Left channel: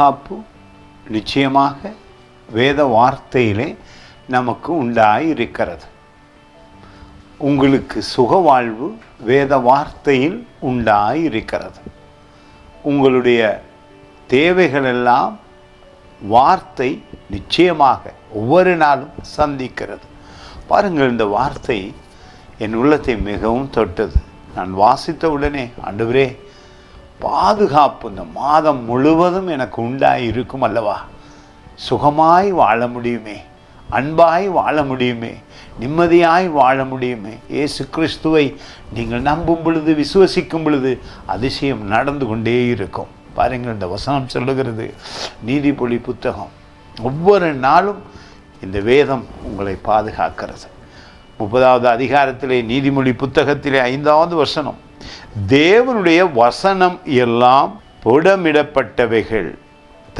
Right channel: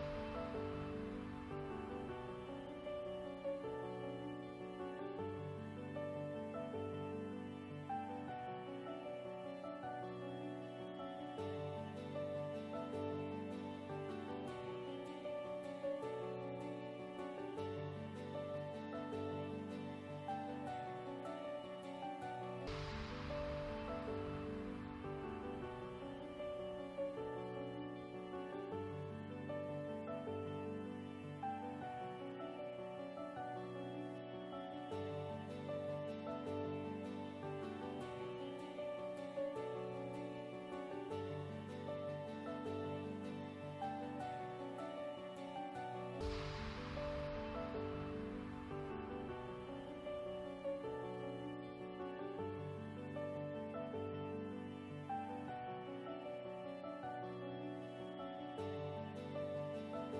பாதுகாப்பு நிச்சயமாக வேத வார்த்தையிலே நமக்கு உண்டாயிருக்கிறது. உங்களுக்கு சுகவாழ்வு வேத வார்த்தையில் உண்டாயிருக்கிறது. உங்களுடைய தேவைகளெல்லாம் வார்த்தை நிச்சயமாக ஒவ்வொரு நாளும் சந்திக்கிறது. பாருங்கள், இந்த வார்த்தை என் உள்ளத்தை மிகவும் தொட்டது. நான் வாசித்த உடனே, ஆண்டவரே, பாதுகாப்பு இந்த மாதம் முழுவதும் எனக்கு உண்டாய் இருக்கும் அல்லவா, சுகமாய் வாழ முடியுமே, அன்பாய் வாழ முடியுமே, நிம்மதியாய் வாழ முடியுமே. இயேசு கிறிஸ்துவை நீங்கள் நம்பும் பொழுது, விசுவசிக்கும் பொழுது அதிசயம் நடந்து கொண்டே இருக்கும். பாருங்கள், இந்த வசனம் சொல்லுகிறது, நீதிமொழி புத்தகம் ஒவ்வொரு நாளும் இந்த வேதம் உங்களை பாதுகாக்கிறது. 30வது அதிகாரத்திலே நீதிமொழி புத்தகத்திலே 5வது வசனம், தேவனுடைய வசனம் எல்லாம் புடமிடப்பட்டவைகள்,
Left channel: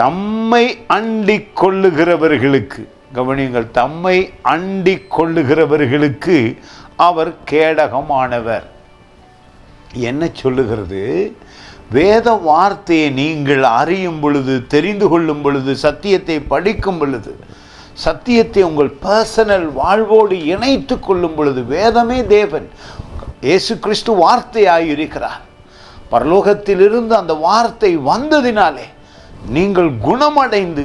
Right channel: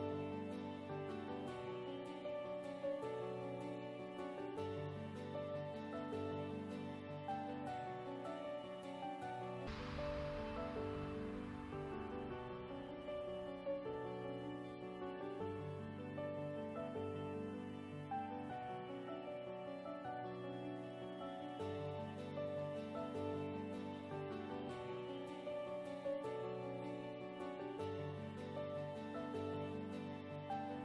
தம்மை அண்டிக் கொள்ளுகிறவர்களுக்கு, கவனியுங்கள், தம்மை அண்டிக் கொள்ளுகிறவர்களுக்கு அவர் கேடகமானவர். என்ன சொல்லுகிறது? வேத வார்த்தையை நீங்கள் அறியும் பொழுது, தெரிந்து கொள்ளும் பொழுது, சத்தியத்தை படிக்கும் பொழுது, சத்தியத்தை உங்கள் பர்சனல் வாழ்வோடு இணைத்து கொள்ளும் பொழுது, வேதமே தேவன், இயேசு கிறிஸ்து வார்த்தையாயிருக்கிறார். பரலோகத்திலிருந்து அந்த வார்த்தை வந்ததினாலே நீங்கள் குணமடைந்து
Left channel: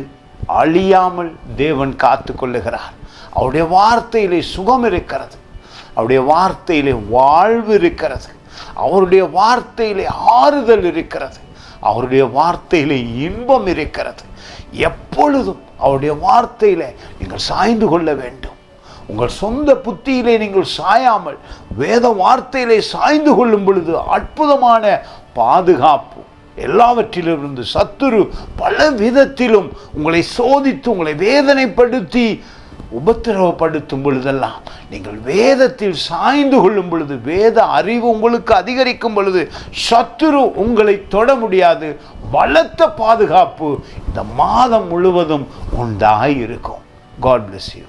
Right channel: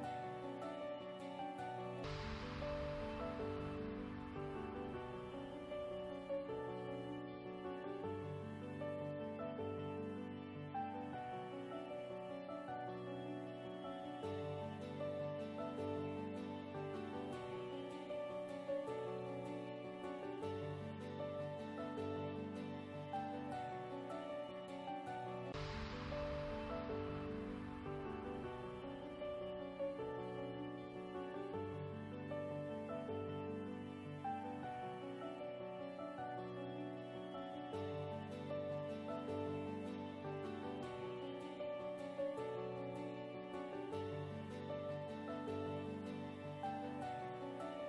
அழியாமல் தேவன் காத்து கொள்ளுகிறார். அவருடைய வார்த்தையிலே சுகம் இருக்கிறது, அவருடைய வார்த்தையிலே வாழ்வு இருக்கிறது, அவருடைய வார்த்தையிலே ஆறுதல் இருக்கிறது, அவருடைய வார்த்தையிலே இன்பம் இருக்கிறது. எப்பொழுதும் அவருடைய வார்த்தையிலே நீங்கள் சாய்ந்து கொள்ள வேண்டும். உங்கள் சொந்த புத்தியிலே நீங்கள் சாயாமல் வேத வார்த்தையிலே சாய்ந்து கொள்ளும் பொழுது அற்புதமான பாதுகாப்பு. எல்லாவற்றிலிருந்து சத்துரு பல விதத்திலும் உங்களை சோதித்து, உங்களை வேதனைப்படுத்தி, உபத்திரவப்படுத்தும் பொழுதெல்லாம் நீங்கள் வேதத்தில் சாய்ந்து கொள்ளும் பொழுது, வேத அறிவு உங்களுக்கு அதிகரிக்கும் பொழுது சத்துரு உங்களை தொட முடியாது. பலத்த பாதுகாப்பு இந்த மாதம் முழுவதும் உண்டாயிருக்கும். God bless you.